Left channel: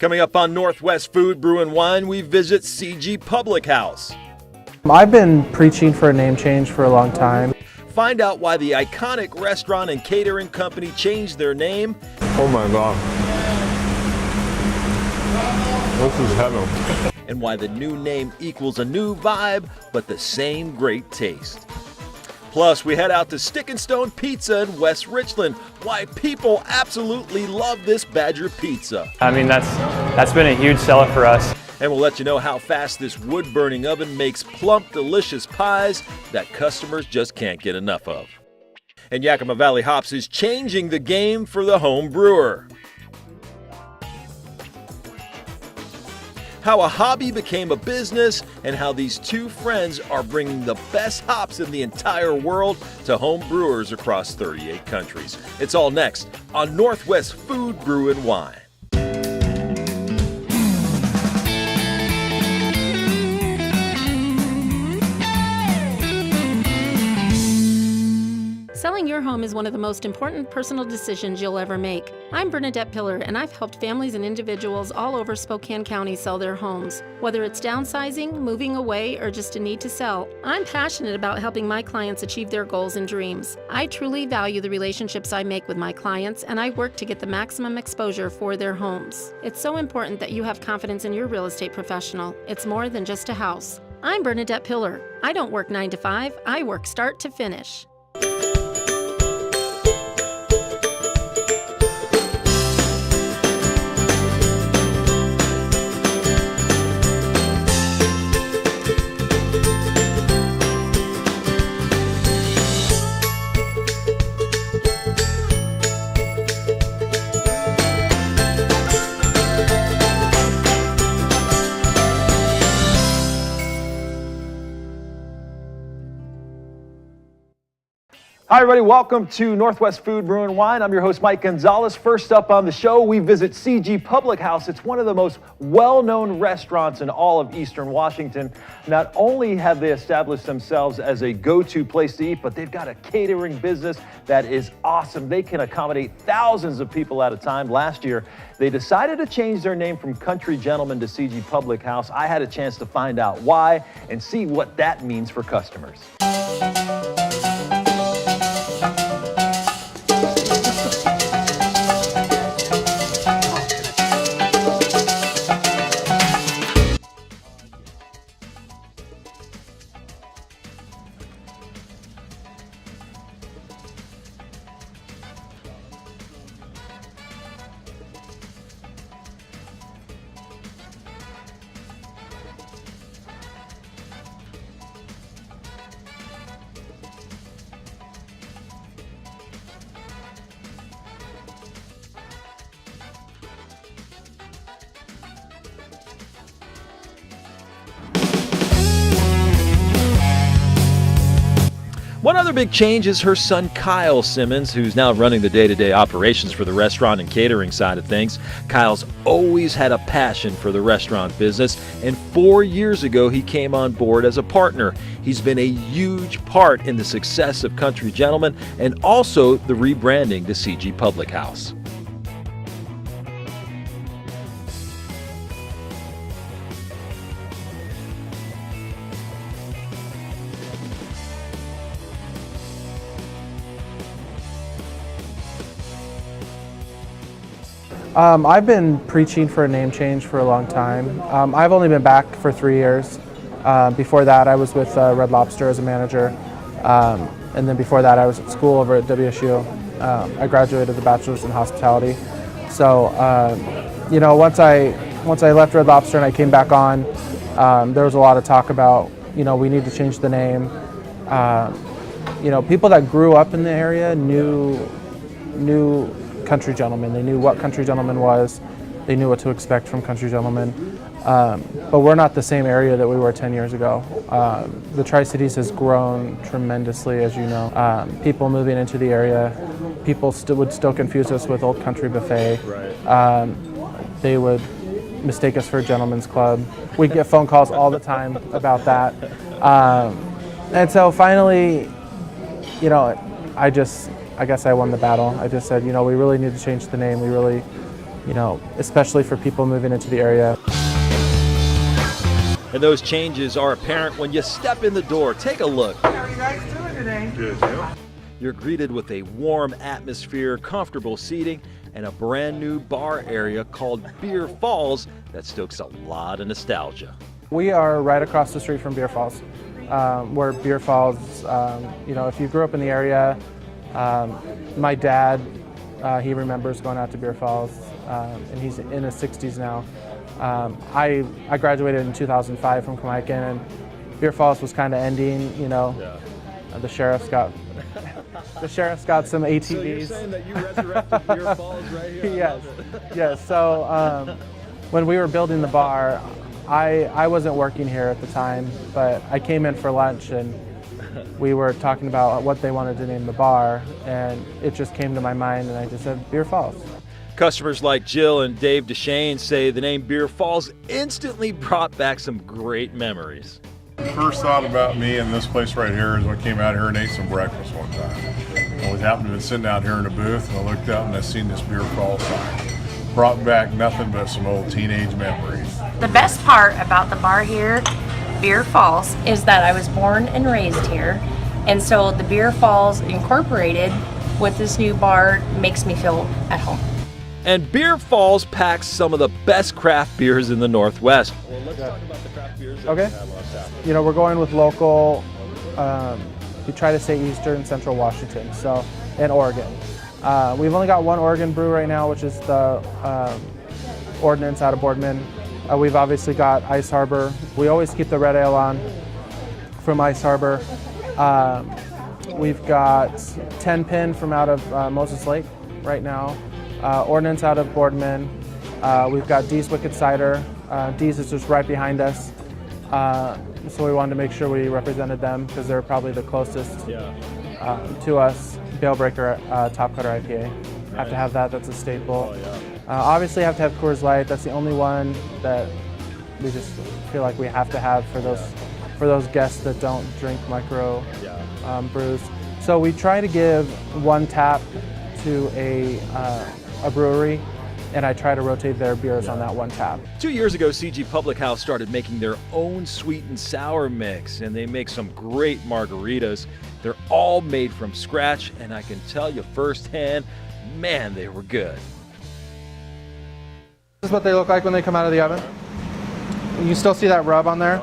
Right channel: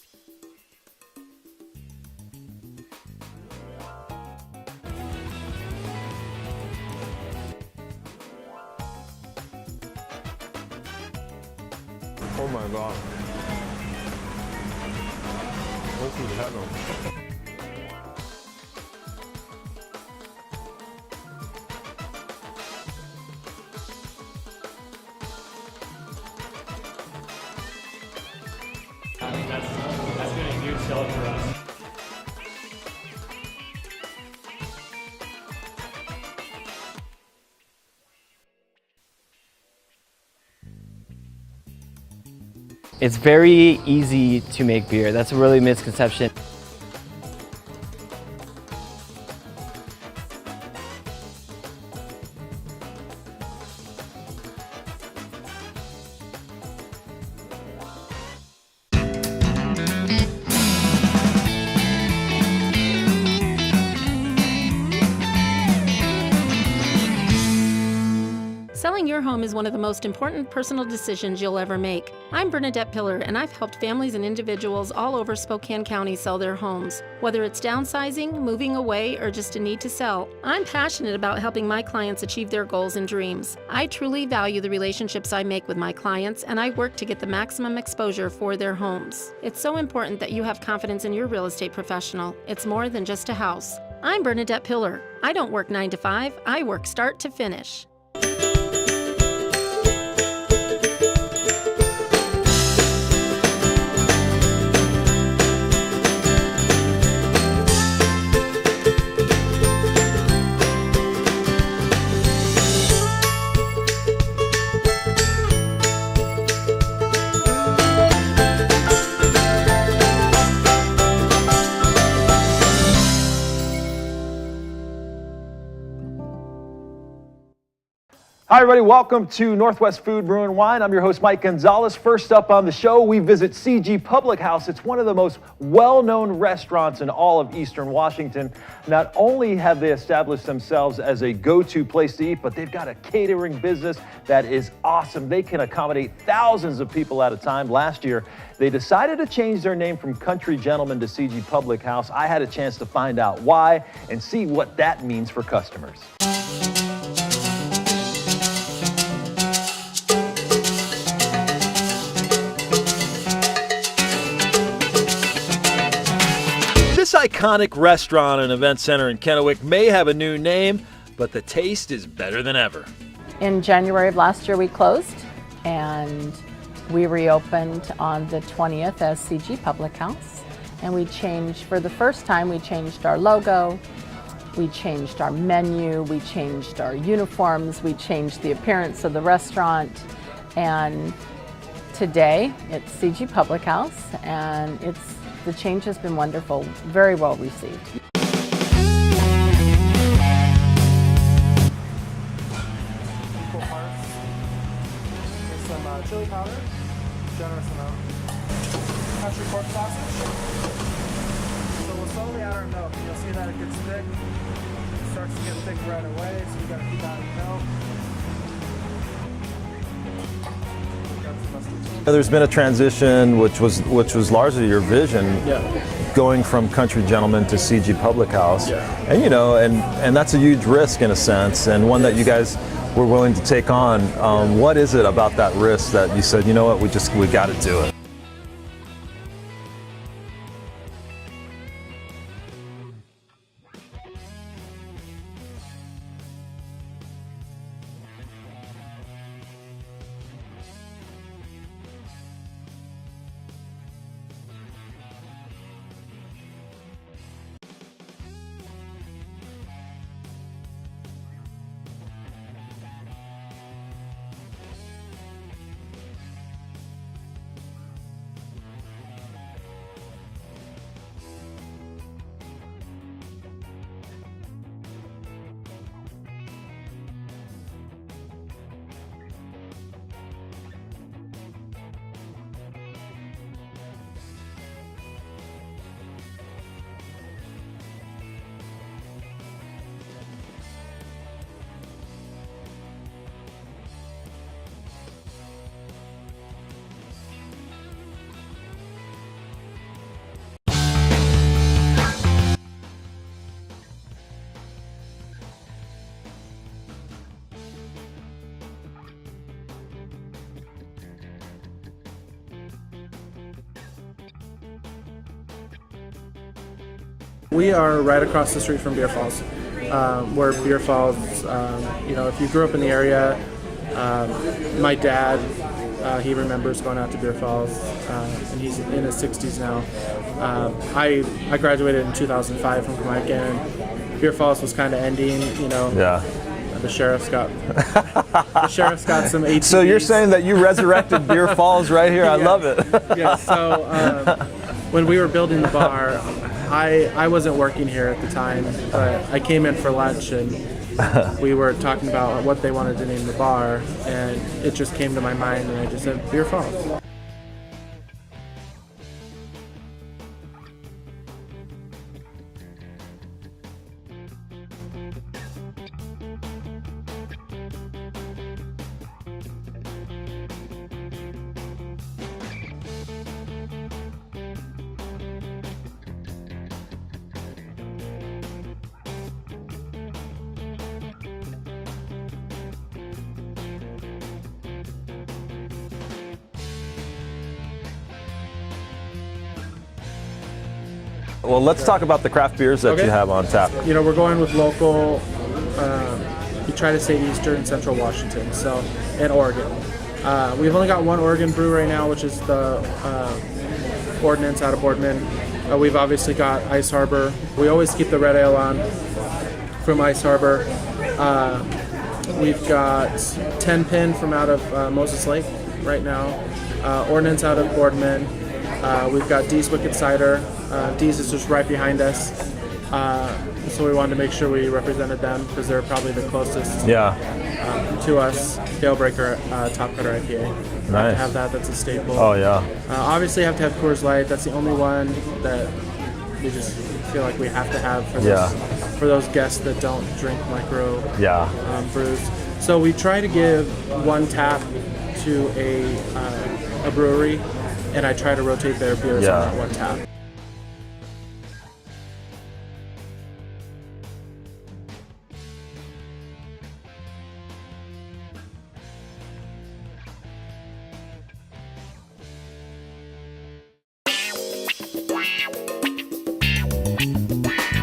Coming up on Northwest Food, Brew, and Wine, we visit CG Public House. I've been preaching for a name change for a long time. Find out why the iconic restaurant and catering company changed their name. Oh my God. This is heaven. And why the new name equals a new vibe, but the same great taste. Plus, we head out to Stick and Stone Pizza in West Richland. Why people absolutely love this Badger pizza. I mean, that's been a huge seller for us. And we'll let you know how fast this wood-burning oven makes plump, delicious pies that customers just can't get enough of. And Yakima Valley Hops is changing the game for the home brewer. It's very easy to make beer. That's a really misconception. How a hobby became a business, and how these two friends are bringing the best hops in the entire world to home brewers across 38 countries. It's all next on Northwest Food, Brew, and Wine. Selling your home is one of the most important personal decisions you'll ever make. I'm Bernadette Pillar, and I've helped families and individuals all over Spokane County sell their homes. Whether it's downsizing, moving away, or just a need to sell, I'm passionate about helping my clients achieve their goals and dreams. I truly value the relationships I make with my clients, and I work to get the maximum exposure for their homes. It's so important that you have confidence in your real estate professional. It's more than just a house. I'm Bernadette Pillar. I don't work 9 to 5, I work start to finish. Hi everybody, welcome to Northwest Food, Brew, and Wine. I'm your host, Mike Gonzalez. First up on the show, we visit CG Public House. It's one of the most well-known restaurants in all of Eastern Washington. Not only have they established themselves as a go-to place to eat, but they've got a catering business that is awesome. They can accommodate thousands of people at a time. Last year, they decided to change their name from Country Gentlemen to CG Public House. I had a chance to find out why and see what that means for customers. This iconic restaurant and event center in Kennewick may have a new name, but the taste is better than ever. In January of last year we closed, and we reopened on the 20th as CG Public House. And we changed, for the first time, we changed our logo, we changed our menu, we changed our uniforms, we changed the appearance of the restaurant. And today it's CG Public House, and the change has been wonderful, very well received. One other big change is her son Kyle Simmons, who's now running the day-to-day operations for the restaurant and catering side of things. Kyle's always had a passion for the restaurant business, and 4 years ago he came on board as a partner. He's been a huge part in the success of Country Gentlemen and also the rebranding to CG Public House. There's been a transition which was largely your vision, going from Country Gentlemen to CG Public House. And you know, and that's a huge risk in a sense, and one that you guys were willing to take on. What is it about that risk that you said, you know what, we got to do it? I've been preaching for a name change for a long time. I've only been back for 3 years. Before that, I was with Red Lobster as a manager. And then before that, I was at school over at WSU. I graduated with a bachelor's in hospitality. So, you know, once I left Red Lobster and I came back on, there was a lot of talk about, you know, we need to change the name. You know, people that grew up in the area knew Country Gentlemen. They knew what Country Gentlemen was. They knew what to expect from Country Gentlemen. But we're not the same area that we were 10 years ago. The Tri-Cities has grown tremendously, as you know. People moving into the area, people would still confuse us with Old Country Buffet. Right. They would mistake us for a gentleman's club. We get phone calls all the time about that. And so finally, you know, I guess I won the battle. I just said, you know, we really need to change the name. especially for people moving into the area. And those changes are apparent when you step in the door. Take a look. How are you guys doing today? Good, you? You're greeted with a warm atmosphere, comfortable seating, and a brand new bar area called Beer Falls that stokes a lot of nostalgia. We are right across the street from Beer Falls. Where Beer Falls, if you grew up in the area, my dad, he remembers going out to Beer Falls, and he's in his 60s now. I graduated in 2005 from Jamaica, and Beer Falls was kind of ending, Yeah. The sheriff's got some ATVs. So you're saying that you resurrected Beer Falls right here? I love it. Yeah. So when we were building the bar, I wasn't working here at the time, but I came in for lunch and we were talking about what they wanted to name the bar, and it just came to my mind, and I just said Beer Falls. Customers like Jill and Dave DeShane say the name Beer Falls instantly brought back some great memories. First thought about me and this place right here is when I came out here and ate some breakfast one time. I was happened to be sitting out here in a booth, and I looked out and I seen this Beer Falls sign. Brought back nothing but some old teenage memories. The best part about the bar here, Beer Falls, is that I was born and raised here, and so the Beer Falls incorporated with this new bar makes me feel at home. And Beer Falls packs some of the best craft beers in the Northwest. Well, let's talk about the craft beers that you have on tap. We're going with local. We try to say Eastern and Central Washington, and Oregon. We've only got one Oregon brew right now, which is the Ordnance out of Boardman. We've obviously got Ice Harbor. We always keep the red ale on from Ice Harbor. We've got 10 Pin from out of Moses Lake right now. Ordnance out of Boardman. We've got Dee's Wicked Cider. Dee's is just right behind us. So we wanted to make sure we represented them because they're probably the closest to us. Dailbreaker Top Cutter IPA. Have to have that, that's a staple. Oh yeah. Obviously have to have Coors Light. That's the only one that we just feel like we have to have for those guests that don't drink micro brews. So we try to give one tap to a brewery, and I try to rotate their beers on that one tap. 2 years ago, CG Public House started making their own sweet and sour mix, and they make some great margaritas. They're all made from scratch, and I can tell you firsthand, man, they were good. This is what they look like when they come out of the oven. And you still see that rub on there?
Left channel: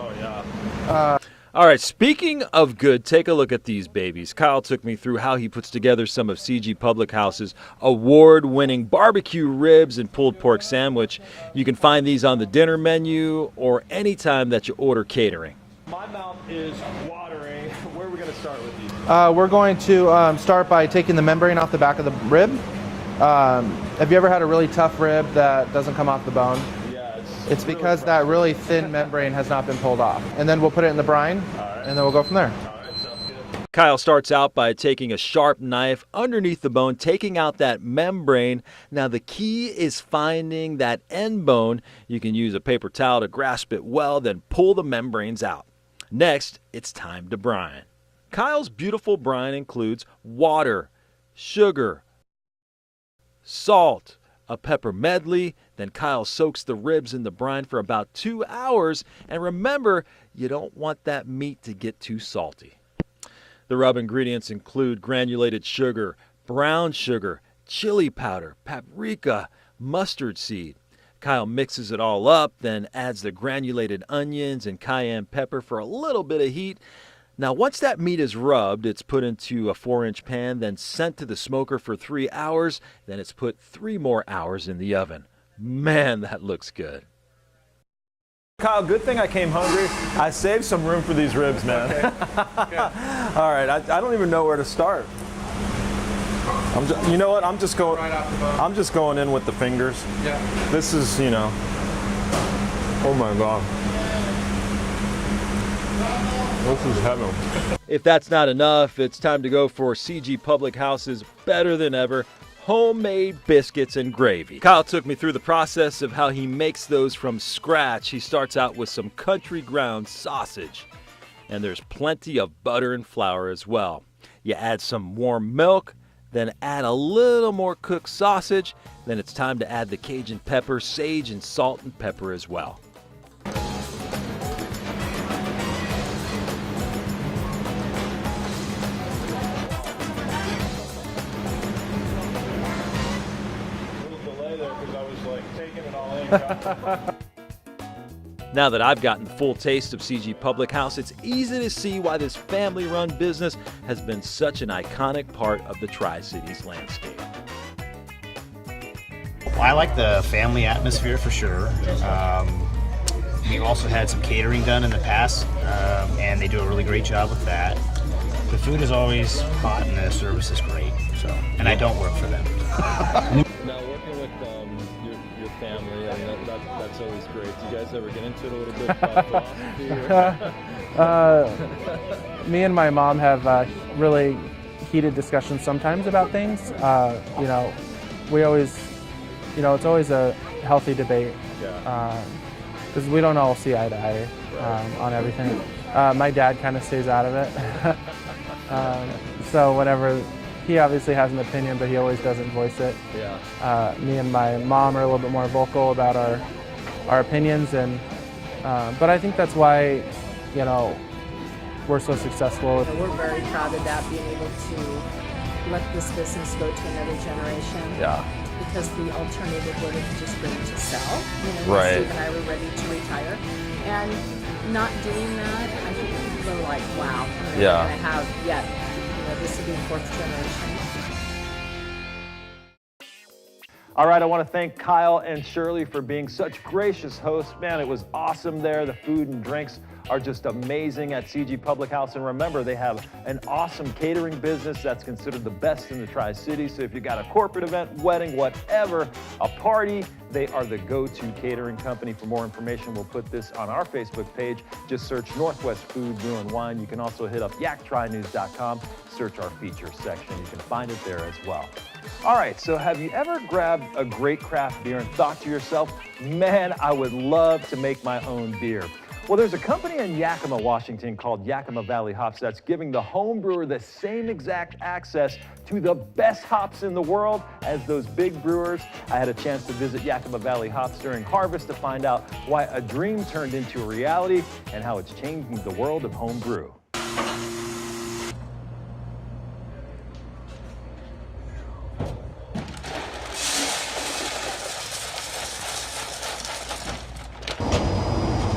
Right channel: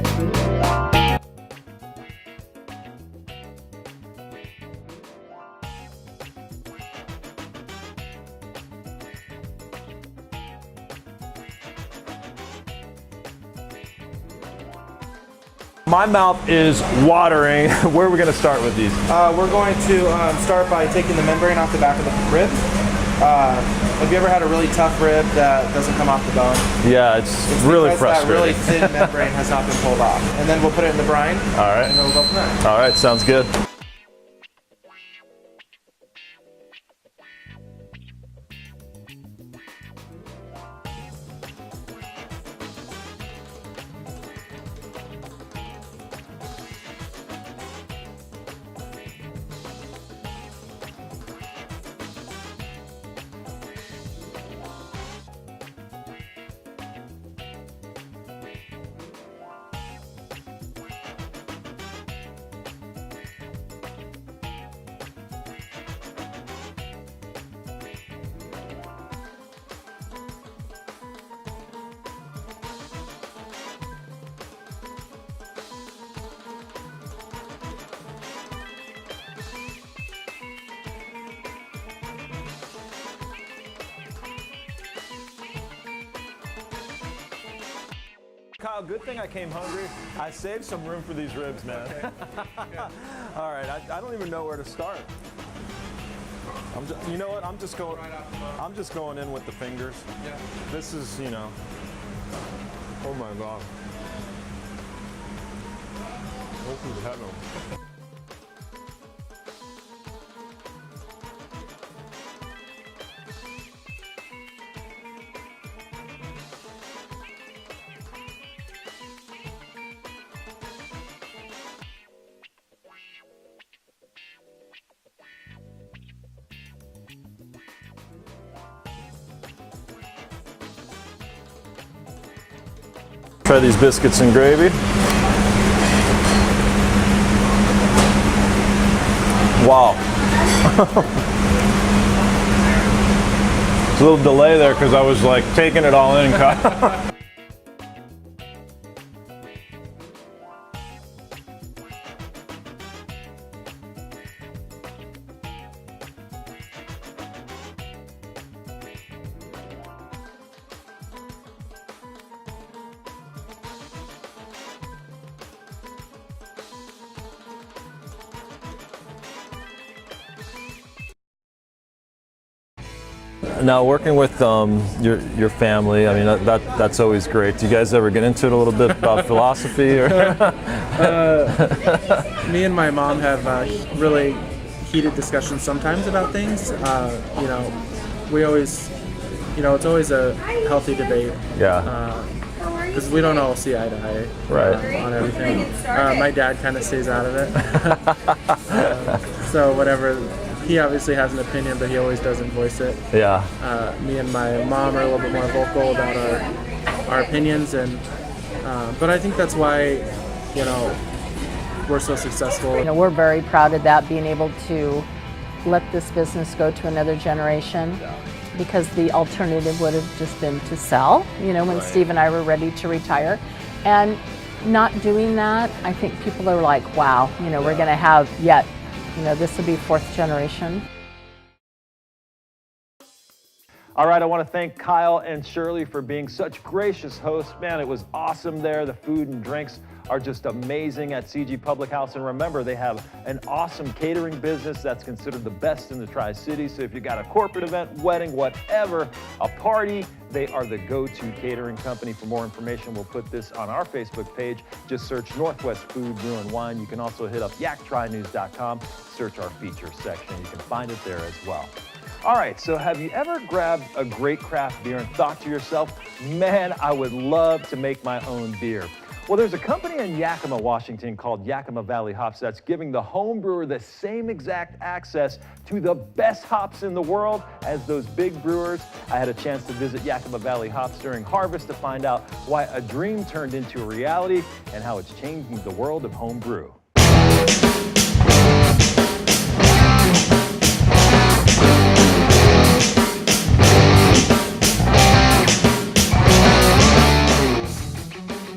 All right, speaking of good, take a look at these babies. Kyle took me through how he puts together some of CG Public House's award-winning barbecue ribs and pulled pork sandwich. You can find these on the dinner menu or anytime that you order catering. My mouth is watering. Where are we going to start with these? We're going to start by taking the membrane off the back of the rib. Have you ever had a really tough rib that doesn't come off the bone? Yeah, it's really because frustrating. that really thin membrane has not been pulled off. And then we'll put it in the brine. All right. And then we'll go from there. All right, sounds good. Kyle starts out by taking a sharp knife underneath the bone, taking out that membrane. Now the key is finding that end bone. You can use a paper towel to grasp it well, then pull the membranes out. Next, it's time to brine. Kyle's beautiful brine includes water, sugar, salt, a pepper medley. Then Kyle soaks the ribs in the brine for about 2 hours. And remember, you don't want that meat to get too salty. The rub ingredients include granulated sugar, brown sugar, chili powder, paprika, mustard seed. Kyle mixes it all up, then adds the granulated onions and cayenne pepper for a little bit of heat. Now, once that meat is rubbed, it's put into a 4-inch pan, then sent to the smoker for 3 hours. Then it's put 3 more hours in the oven. Man, that looks good. Kyle, good thing I came hungry. I saved some room for these ribs, man. Okay. All right, I don't even know where to start. You know what? I'm just going. Right off the bone. I'm just going in with the fingers. Yeah. This is, oh my God. This is heaven. If that's not enough, it's time to go for CG Public House's better than ever homemade biscuits and gravy. Kyle took me through the process of how he makes those from scratch. He starts out with some country ground sausage, and there's plenty of butter and flour as well. You add some warm milk, then add a little more cooked sausage, Then it's time to add the Cajun pepper, sage, and salt and pepper as well. Try these biscuits and gravy. Wow. There's a little delay there because I was like taking it all in. Now that I've gotten full taste of CG Public House, it's easy to see why this family-run business has been such an iconic part of the Tri-Cities landscape. Well, I like the family atmosphere for sure. We've also had some catering done in the past, and they do a really great job with that. The food is always hot and the service is great. So, and I don't work for them. Now, working with your family, I mean, that's always great. Do you guys ever get into it a little bit about philosophy? Or? Me and my mom have really heated discussions sometimes about things. You know, we always, you know, it's always a healthy debate. Yeah. Because we don't all see eye to eye on everything. My dad kind of stays out of it. So whatever, he obviously has an opinion, but he always doesn't voice it. Yeah. Me and my mom are a little bit more vocal about our opinions, and but I think that's why, you know, we're so successful. You know, we're very proud of that, being able to let this business go to another generation. Yeah. Because the alternative would have just been to sell, you know, when Steve and I were ready to retire. And not doing that, I think people are like, wow, you know, we're going to have yet, you know, this would be fourth generation. All right, I want to thank Kyle and Shirley for being such gracious hosts. Man, it was awesome there. The food and drinks are just amazing at CG Public House. And remember, they have an awesome catering business that's considered the best in the Tri-Cities. So if you got a corporate event, wedding, whatever, a party, they are the go-to catering company. For more information, we'll put this on our Facebook page. Just search Northwest Food, Brew, and Wine. You can also hit up yaktrinews.com, search our features section. You can find it there as well. All right, so have you ever grabbed a great craft beer and thought to yourself, man, I would love to make my own beer? Well, there's a company in Yakima, Washington called Yakima Valley Hops that's giving the home brewer the same exact access to the best hops in the world as those big brewers. I had a chance to visit Yakima Valley Hops during harvest to find out why a dream turned into a reality and how it's changing the world of home brew.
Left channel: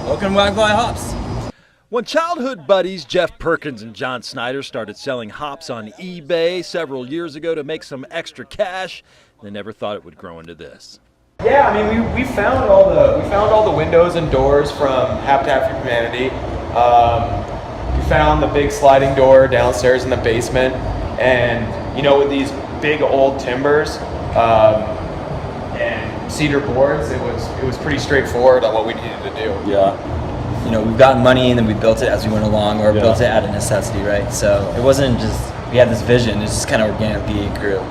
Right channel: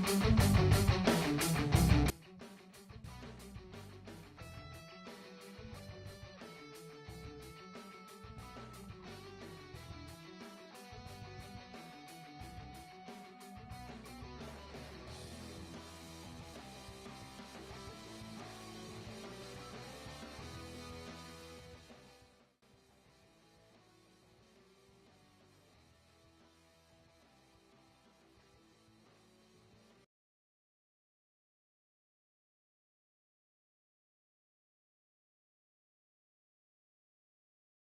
Welcome to Yakima Hops. When childhood buddies Jeff Perkins and John Snyder started selling hops on eBay several years ago to make some extra cash, they never thought it would grow into this. Yeah, I mean, we found all the windows and doors from Habitat for Humanity. We found the big sliding door downstairs in the basement, and you know, with these big old timbers and cedar boards, it was pretty straightforward on what we needed to do. Yeah. You know, we've gotten money and then we built it as we went along, or built it out of necessity, right? So it wasn't just, we had this vision, it's just kind of organically grew.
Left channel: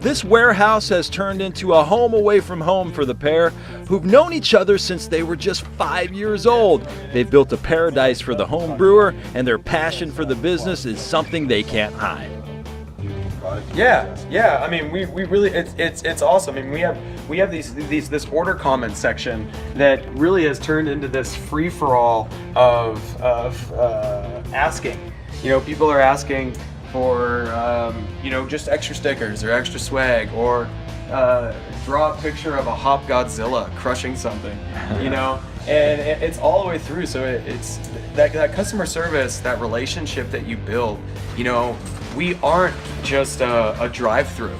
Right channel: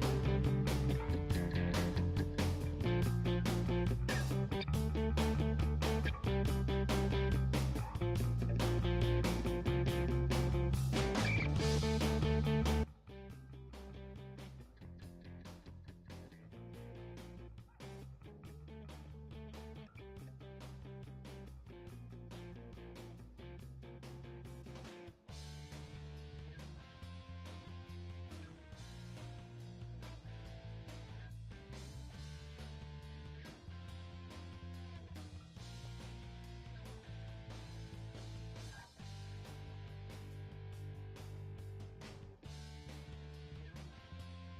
This warehouse has turned into a home away from home for the pair, who've known each other since they were just 5 years old. They've built a paradise for the home brewer, and their passion for the business is something they can't hide. Yeah. I mean, we really, it's awesome. I mean, we have this order comment section that really has turned into this free for all of asking. You know, people are asking for you know, just extra stickers or extra swag, or draw a picture of a hop Godzilla crushing something. You know, and it's all the way through. So it's that customer service, that relationship that you build. You know, we aren't just a drive-through.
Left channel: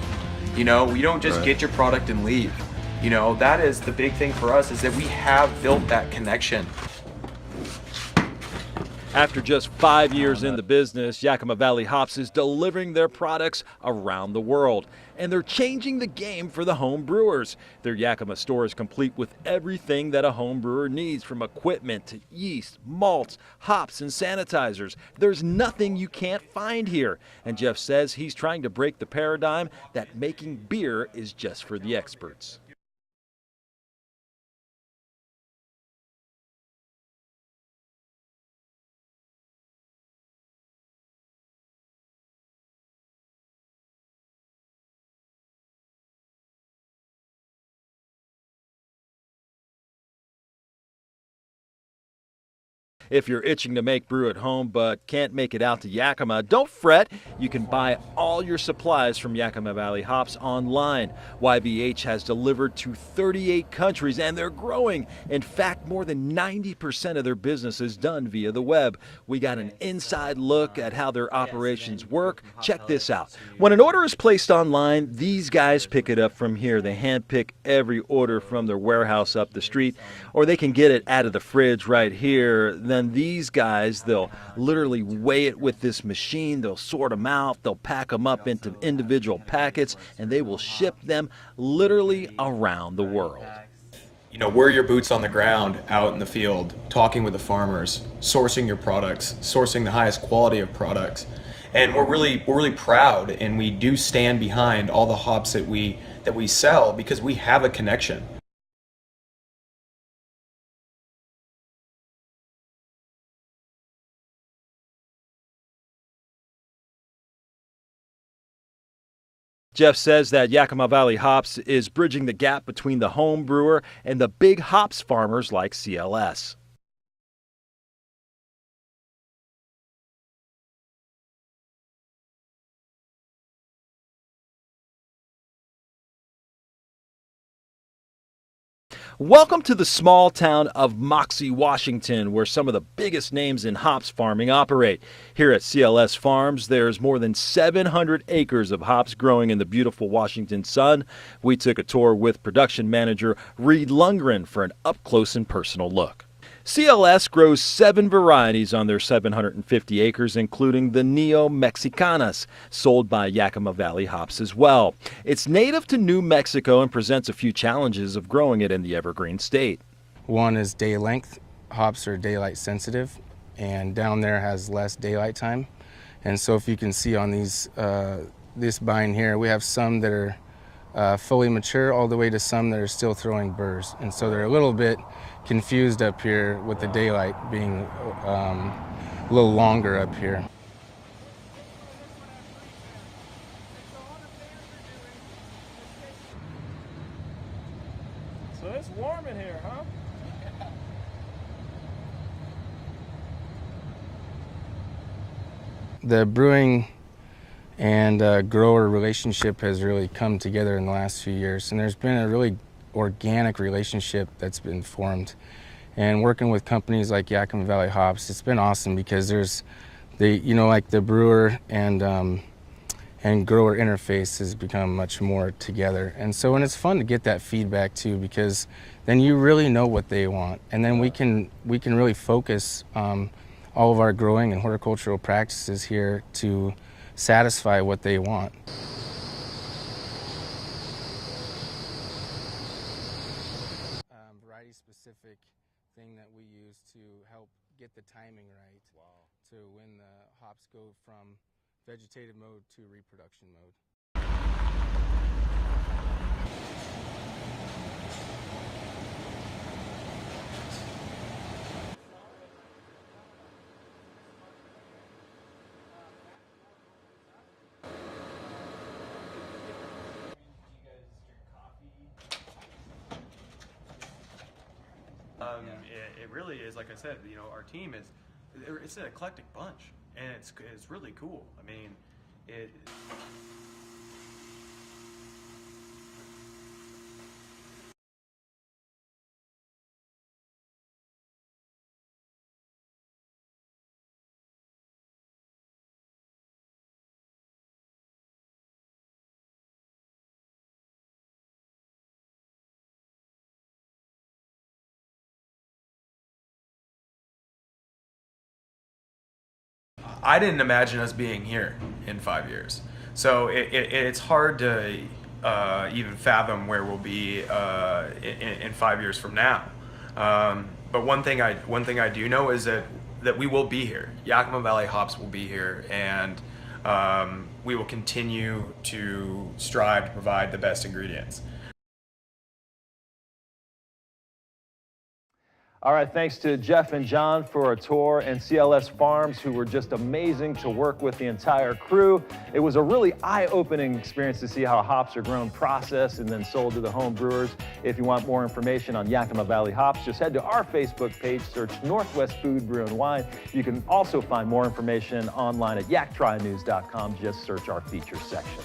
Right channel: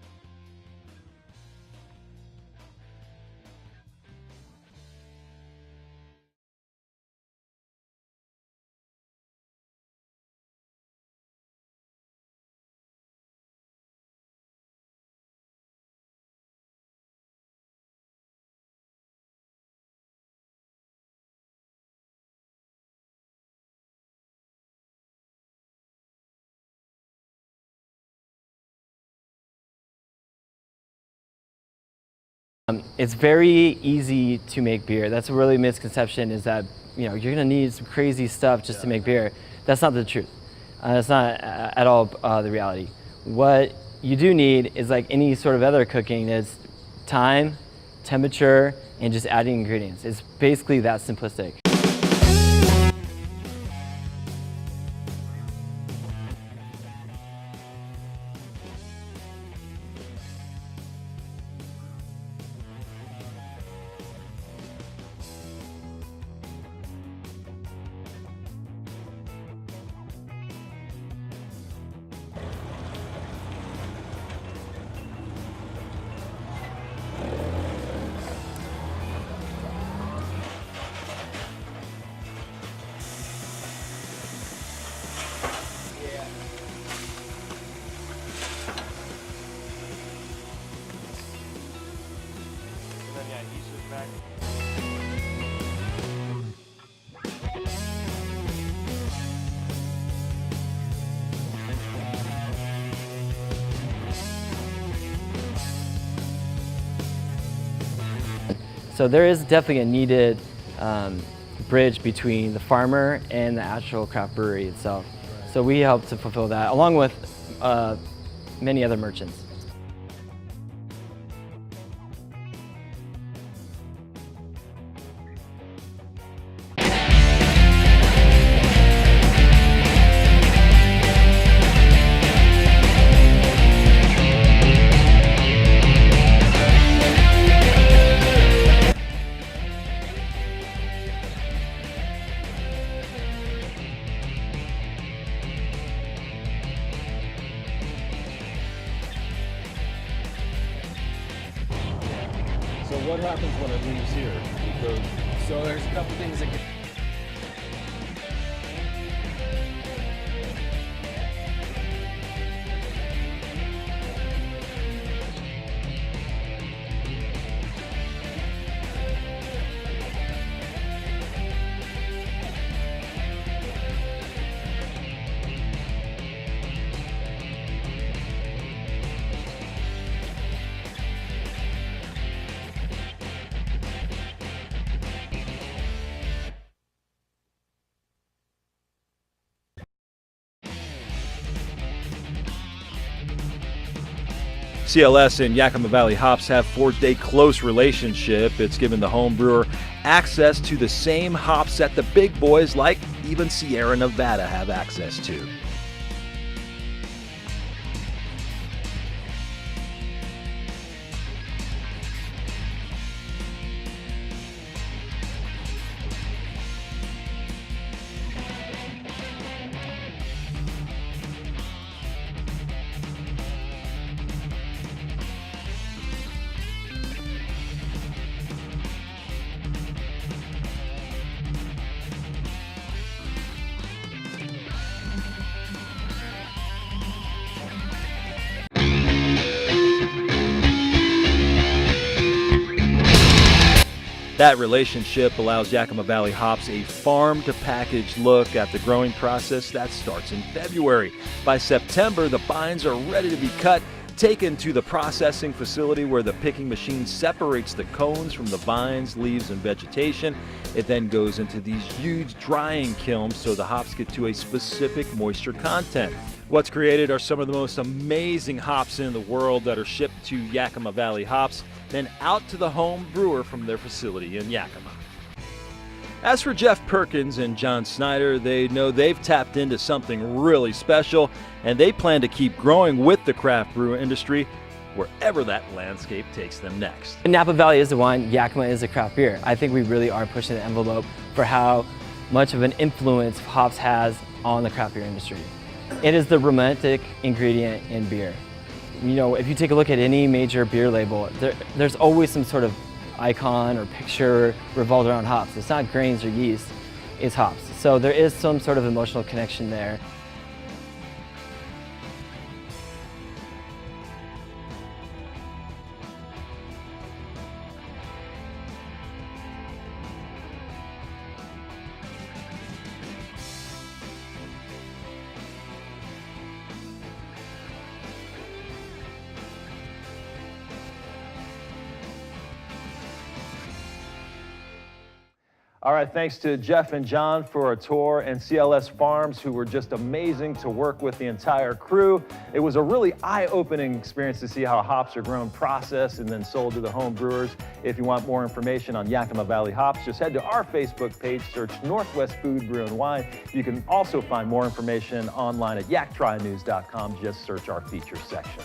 You know, we don't just get your product and leave. You know, that is the big thing for us, is that we have built that connection. After just 5 years in the business, Yakima Valley Hops is delivering their products around the world. and they're changing the game for the home brewers. Their Yakima store is complete with everything that a home brewer needs, from equipment to yeast, malts, hops, and sanitizers. There's nothing you can't find here. And Jeff says he's trying to break the paradigm that making beer is just for the experts. It's very easy to make beer. That's a really misconception, is that you're gonna need some crazy stuff just to make beer. That's not the truth. That's not at all the reality. What you do need is, like any sort of other cooking, is time, temperature, and just adding ingredients. It's basically that simplistic. If you're itching to make brew at home but can't make it out to Yakima, don't fret. You can buy all your supplies from Yakima Valley Hops online. YVH has delivered to 38 countries, and they're growing. In fact, more than 90% of their business is done via the web. We got an inside look at how their operations work. Check this out. When an order is placed online, these guys pick it up from here. They handpick every order from their warehouse up the street, or they can get it out of the fridge right here. Then these guys, they'll literally weigh it with this machine. They'll sort them out. They'll pack them up into individual packets, and they will ship them literally around the world. Wear your boots on the ground out in the field, talking with the farmers, sourcing your products, sourcing the highest quality of products. And we're really proud, and we do stand behind all the hops that we sell, because we have a connection. So there is definitely a needed bridge between the farmer and the actual craft brewery itself. So we help to fulfill that, along with many other merchants. Jeff says that Yakima Valley Hops is bridging the gap between the home brewer and the big hops farmers like CLS. Welcome to the small town of Moxie, Washington, where some of the biggest names in hops farming operate. Here at CLS Farms, there's more than 700 acres of hops growing in the beautiful Washington sun. We took a tour with production manager Reed Lundgren for an up-close and personal look. CLS grows 7 varieties on their 750 acres, including the Neo Mexicanas, sold by Yakima Valley Hops as well. It's native to New Mexico and presents a few challenges of growing it in the evergreen state. One is day length. Hops are daylight sensitive, and down there has less daylight time. And so if you can see on these, this vine here, we have some that are fully mature, all the way to some that are still throwing burrs. And so they're a little bit confused up here with the daylight being a little longer up here. CLS and Yakima Valley Hops have forged a close relationship. It's given the home brewer access to the same hops that the big boys like even Sierra Nevada have access to. The brewing and grower relationship has really come together in the last few years, and there's been a really organic relationship that's been formed. And working with companies like Yakima Valley Hops, it's been awesome, because there's the brewer and grower interface has become much more together. And so, and it's fun to get that feedback too, because then you really know what they want. And then we can really focus all of our growing and horticultural practices here to satisfy what they want. That relationship allows Yakima Valley Hops a farm-to-package look at the growing process that starts in February. By September, the vines are ready to be cut, taken to the processing facility where the picking machine separates the cones from the vines, leaves, and vegetation. It then goes into these huge drying kilns so the hops get to a specific moisture content. What's created are some of the most amazing hops in the world that are shipped to Yakima Valley Hops, then out to the home brewer from their facility in Yakima. As for Jeff Perkins and John Snyder, they know they've tapped into something really special, and they plan to keep growing with the craft brew industry wherever that landscape takes them next. Napa Valley is the wine, Yakima is a craft beer. I think we really are pushing the envelope for how much of an influence hops has on the craft beer industry. It is the romantic ingredient in beer. If you take a look at any major beer label, there's always some sort of icon or picture revolved around hops. It's not grains or yeast, it's hops. So there is some sort of emotional connection there. I didn't imagine us being here in 5 years. So it's hard to even fathom where we'll be in 5 years from now. But one thing I do know is that we will be here. Yakima Valley hops will be here, and we will continue to strive to provide the best ingredients. All right, thanks to Jeff and John for a tour, and CLS Farms, who were just amazing to work with, the entire crew. It was a really eye-opening experience to see how hops are grown, processed, and then sold to the home brewers. If you want more information on Yakima Valley hops, just head to our Facebook page, search Northwest Food, Brew, and Wine. You can also find more information online at yaktrynews.com. Just search our features section.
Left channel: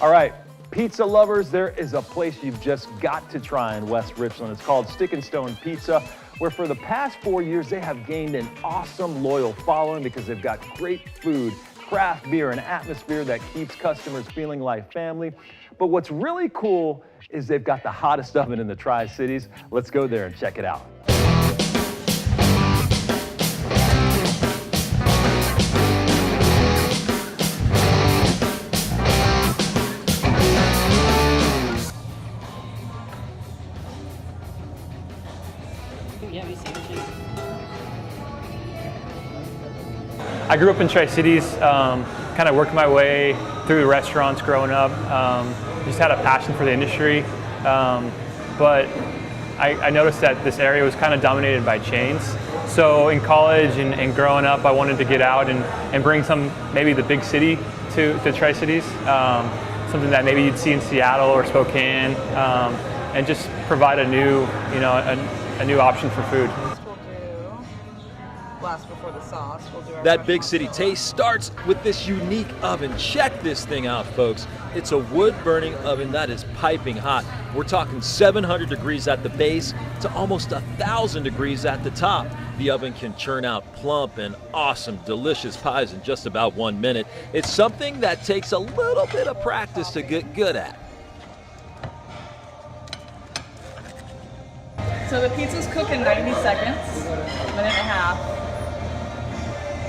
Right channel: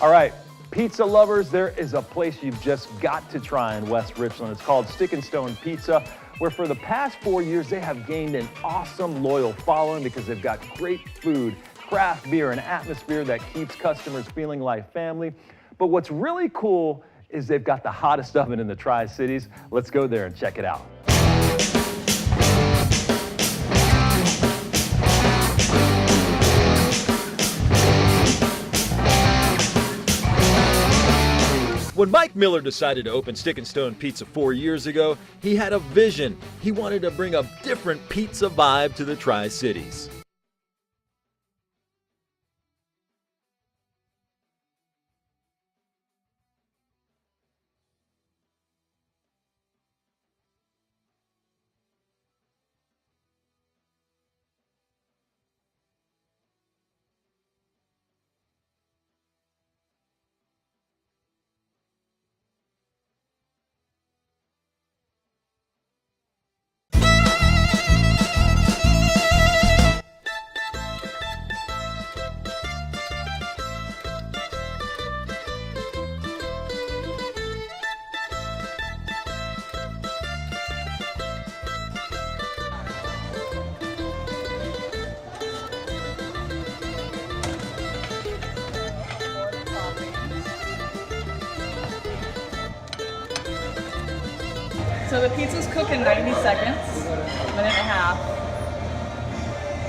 All right. Pizza lovers, there is a place you've just got to try in West Richland. It's called Stick and Stone Pizza, where for the past 4 years, they have gained an awesome, loyal following because they've got great food, craft beer, and atmosphere that keeps customers feeling like family. But what's really cool is they've got the hottest oven in the Tri-Cities. Let's go there and check it out. When Mike Miller decided to open Stick and Stone Pizza 4 years ago, he had a vision. He wanted to bring a different pizza vibe to the Tri-Cities. I grew up in Tri-Cities, kind of worked my way through the restaurants growing up. Just had a passion for the industry, but I noticed that this area was kind of dominated by chains. So in college and growing up, I wanted to get out and bring maybe the big city to Tri-Cities. Something that maybe you'd see in Seattle or Spokane, and just provide a new, a new option for food. That big city taste starts with this unique oven. Check this thing out, folks. It's a wood-burning oven that is piping hot. We're talking 700 degrees at the base to almost 1,000 degrees at the top. The oven can churn out plump and awesome, delicious pies in just about 1 minute. It's something that takes a little bit of practice to get good at. So the pizzas cook in 90 seconds, a minute and a half.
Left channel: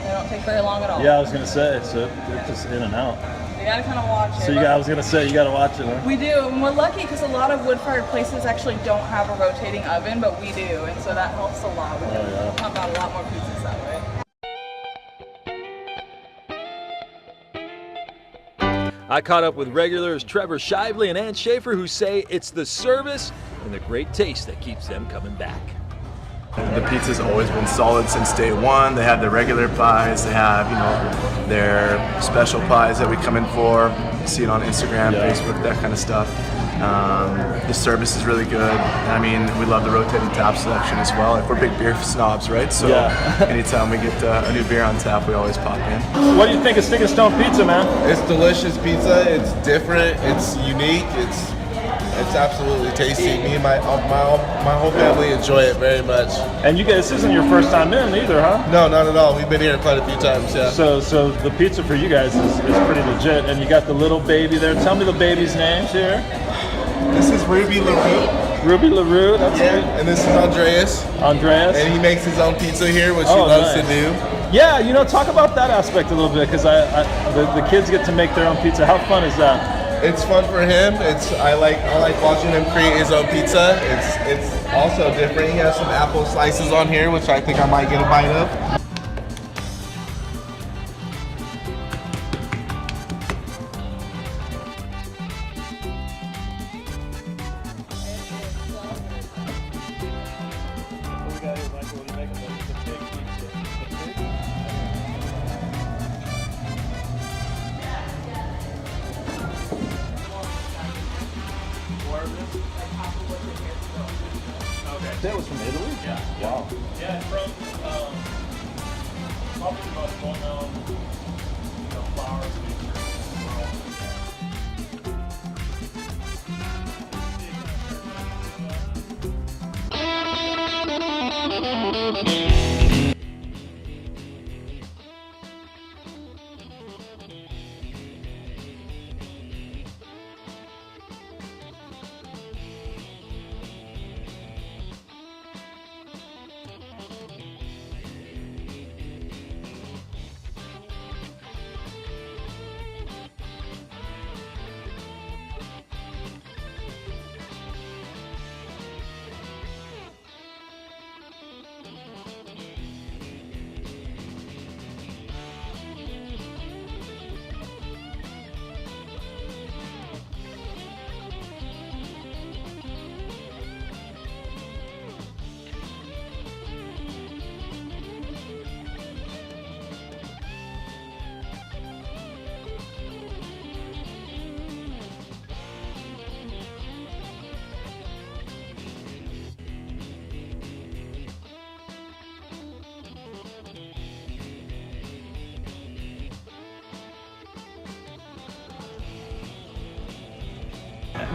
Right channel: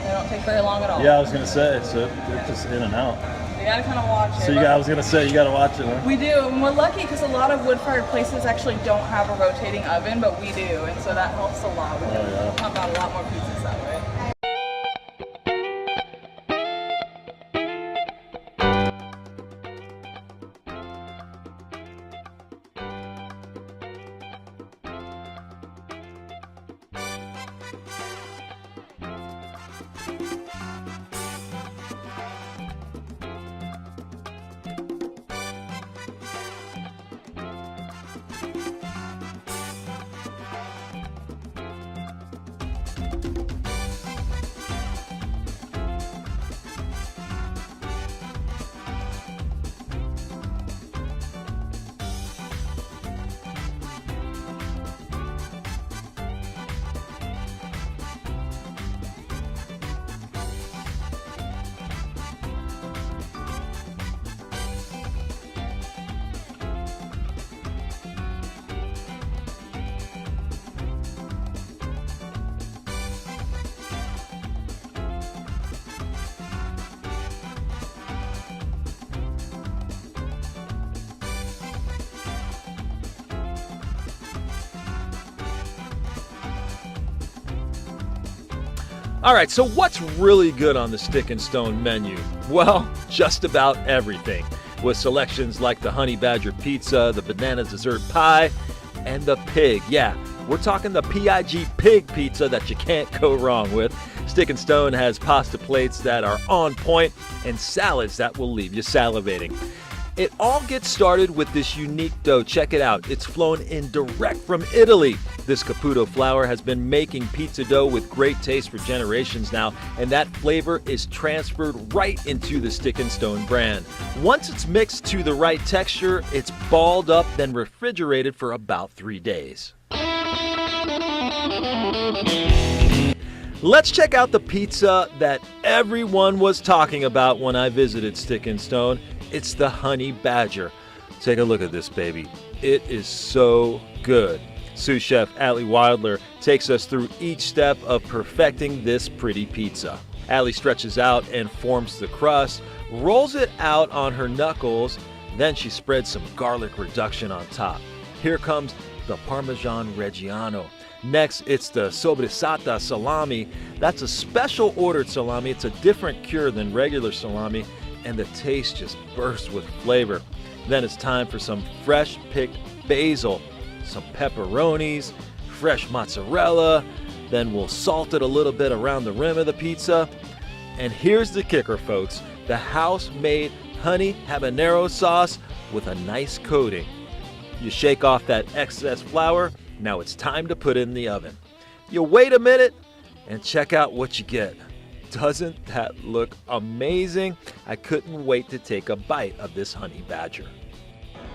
They don't take very long at all. Yeah, I was gonna say, so they're just in and out. You gotta kind of watch it. So I was gonna say, you gotta watch it, huh? We do, and we're lucky because a lot of wood-fired places actually don't have a rotating oven, but we do, and so that helps a lot. We can pump out a lot more pizzas that way. I caught up with regulars Trevor Shively and Ann Schaefer, who say it's the service and the great taste that keeps them coming back. The pizza's always been solid since day one. They have their regular pies, they have, their special pies that we come in for. You see it on Instagram, Facebook, that kind of stuff. The service is really good. I mean, we love the rotating tap selection as well. Like, we're big beer snobs, right? So anytime we get a new beer on tap, we always pop in. What do you think of Stick and Stone Pizza, man? It's delicious pizza. It's different. It's unique. It's absolutely tasty. Me and my whole family enjoy it very much. And you guys, this isn't your first time in either, huh? No, not at all. We've been here quite a few times, yeah. So the pizza for you guys is pretty legit. And you got the little baby there. Tell me the baby's names here. This is Ruby LaRue. Ruby LaRue, that's right. And this is Andreas. And he makes his own pizza here, which he loves to do. Yeah, talk about that aspect a little bit, because the kids get to make their own pizza. How fun is that? It's fun for him. I like watching him create his own pizza. It's also different. He has some apple slices on here, which I think I might get a bite of. All right, so what's really good on the Stick and Stone menu? Well, just about everything, with selections like the Honey Badger Pizza, the Banana Dessert Pie, and the Pig. Yeah, we're talking the PIG Pig Pizza that you can't go wrong with. Stick and Stone has pasta plates that are on point and salads that will leave you salivating. It all gets started with this unique dough. Check it out. It's flown in direct from Italy. This Caputo flour has been making pizza dough with great taste for generations now, and that flavor is transferred right into the Stick and Stone brand. Once it's mixed to the right texture, it's balled up, then refrigerated for about 3 days. Let's check out the pizza that everyone was talking about when I visited Stick and Stone. It's the Honey Badger. Take a look at this baby. It is so good. Sous Chef Allie Wilder takes us through each step of perfecting this pretty pizza. Allie stretches out and forms the crust, rolls it out on her knuckles, then she spreads some garlic reduction on top. Here comes the Parmesan Reggiano. Next, it's the Sobresata salami. That's a special ordered salami. It's a different cure than regular salami, and the taste just bursts with flavor. Then it's time for some fresh picked basil, some pepperonis, fresh mozzarella. Then we'll salt it a little bit around the rim of the pizza. And here's the kicker, folks. The house-made honey habanero sauce with a nice coating. You shake off that excess flour. Now it's time to put it in the oven. You wait a minute and check out what you get. Doesn't that look amazing? I couldn't wait to take a bite of this honey badger.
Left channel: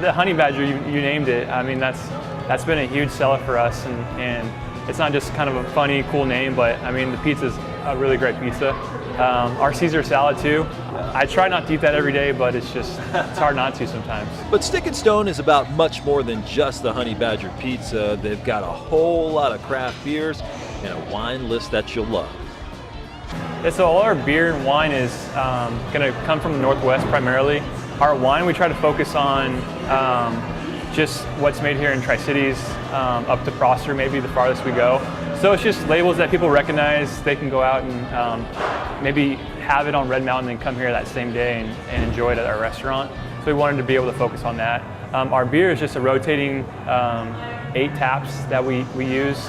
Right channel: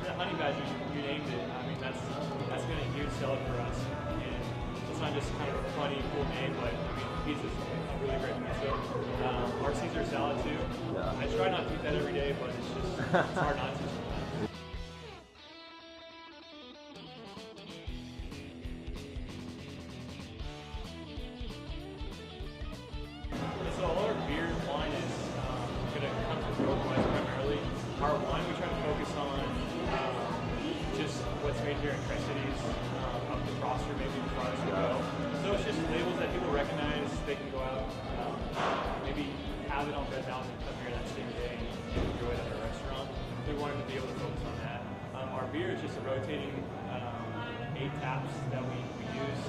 The honey badger, you named it. I mean, that's been a huge seller for us, and it's not just kind of a funny, cool name, but I mean, the pizza's a really great pizza. Our Caesar salad too. I try not to eat that every day, but it's hard not to sometimes. But Stick and Stone is about much more than just the Honey Badger pizza. They've got a whole lot of craft beers and a wine list that you'll love. Yeah, so all our beer and wine is going to come from the Northwest primarily. Our wine, we try to focus on just what's made here in Tri-Cities, up to Prosser, maybe the farthest we go. So it's just labels that people recognize. They can go out and maybe have it on Red Mountain and come here that same day and enjoy it at our restaurant. So we wanted to be able to focus on that. Our beer is just a rotating 8 taps that we use.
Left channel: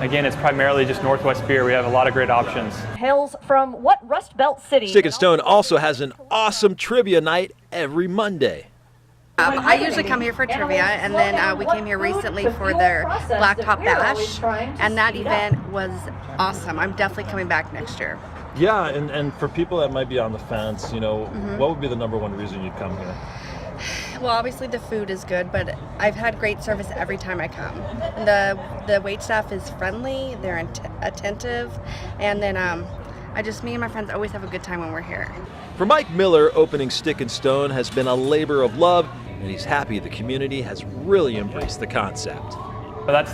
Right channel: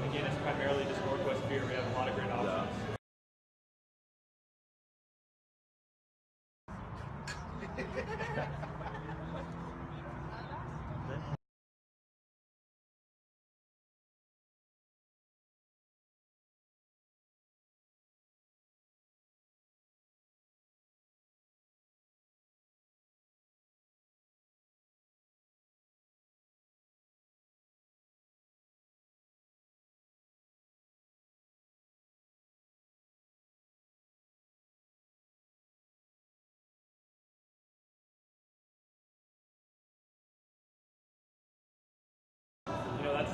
Again, it's primarily just Northwest beer. We have a lot of great options. Hails from what Rust Belt city? Stick and Stone also has an awesome trivia night every Monday. I usually come here for trivia, and then we came here recently for their Blacktop Bash, and that event was awesome. I'm definitely coming back next year. Yeah, and for people that might be on the fence, you know, what would be the #1 reason you'd come here? Well, obviously the food is good, but I've had great service every time I come. The wait staff is friendly, they're attentive, and then me and my friends always have a good time when we're here. For Mike Miller, opening Stick and Stone has been a labor of love, and he's happy the community has really embraced the concept. But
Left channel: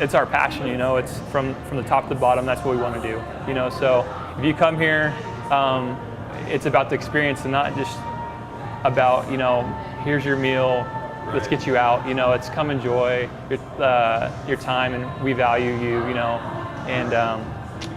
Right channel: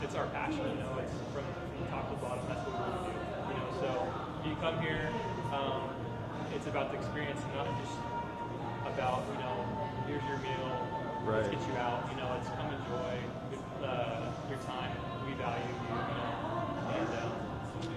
it's our passion, you know. It's from the top to the bottom. That's what we want to do, you know. So if you come here, it's about the experience and not just about, you know, here's your meal, let's get you out. You know, it's come enjoy your time, and we value you, you know. And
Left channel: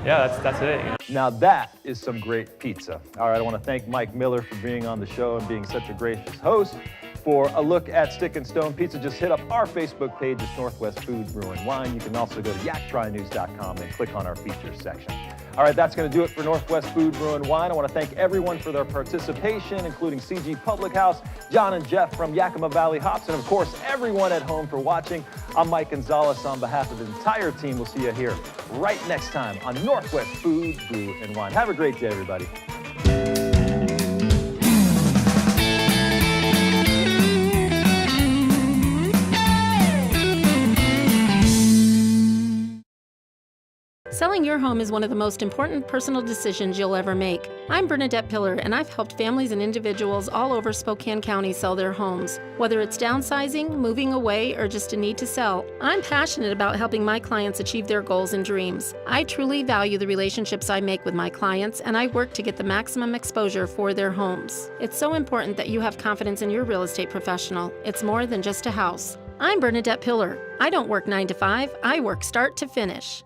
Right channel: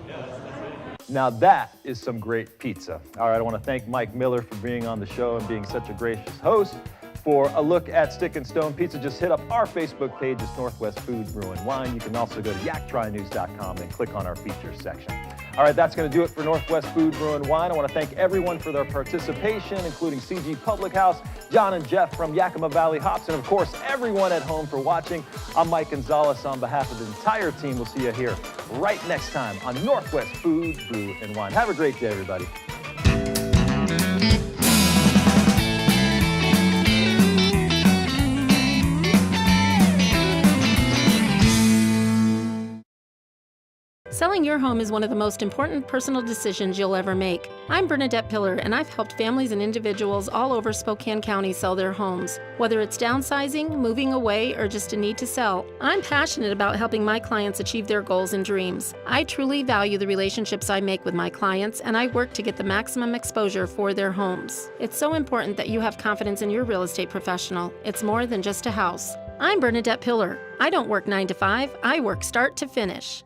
yeah, that's it. You know? Now that is some great pizza. All right, I want to thank Mike Miller for being on the show and being such a gracious host. For a look at Stick and Stone Pizza, just hit up our Facebook page. It's Northwest Food, Brew, and Wine. You can also go to yaktrynews.com and click on our features section. All right, that's going to do it for Northwest Food, Brew, and Wine. I want to thank everyone for their participation, including CG Public House, John and Jeff from Yakima Valley Hops, and of course, everyone at home for watching. I'm Mike Gonzalez on behalf of the entire team. We'll see you here right next time on Northwest Food, Brew, and Wine. Have a great day, everybody. Selling your home is one of the most important personal decisions you'll ever make. I'm Bernadette Pillar, and I've helped families and individuals all over Spokane County sell their homes. Whether it's downsizing, moving away, or just a need to sell, I'm passionate about helping my clients achieve their goals and dreams. I truly value the relationships I make with my clients, and I work to get the maximum exposure for their homes. It's so important that you have confidence in your real estate professional. It's more than just a house. I'm Bernadette Pillar. I don't work 9 to 5, I work start to finish.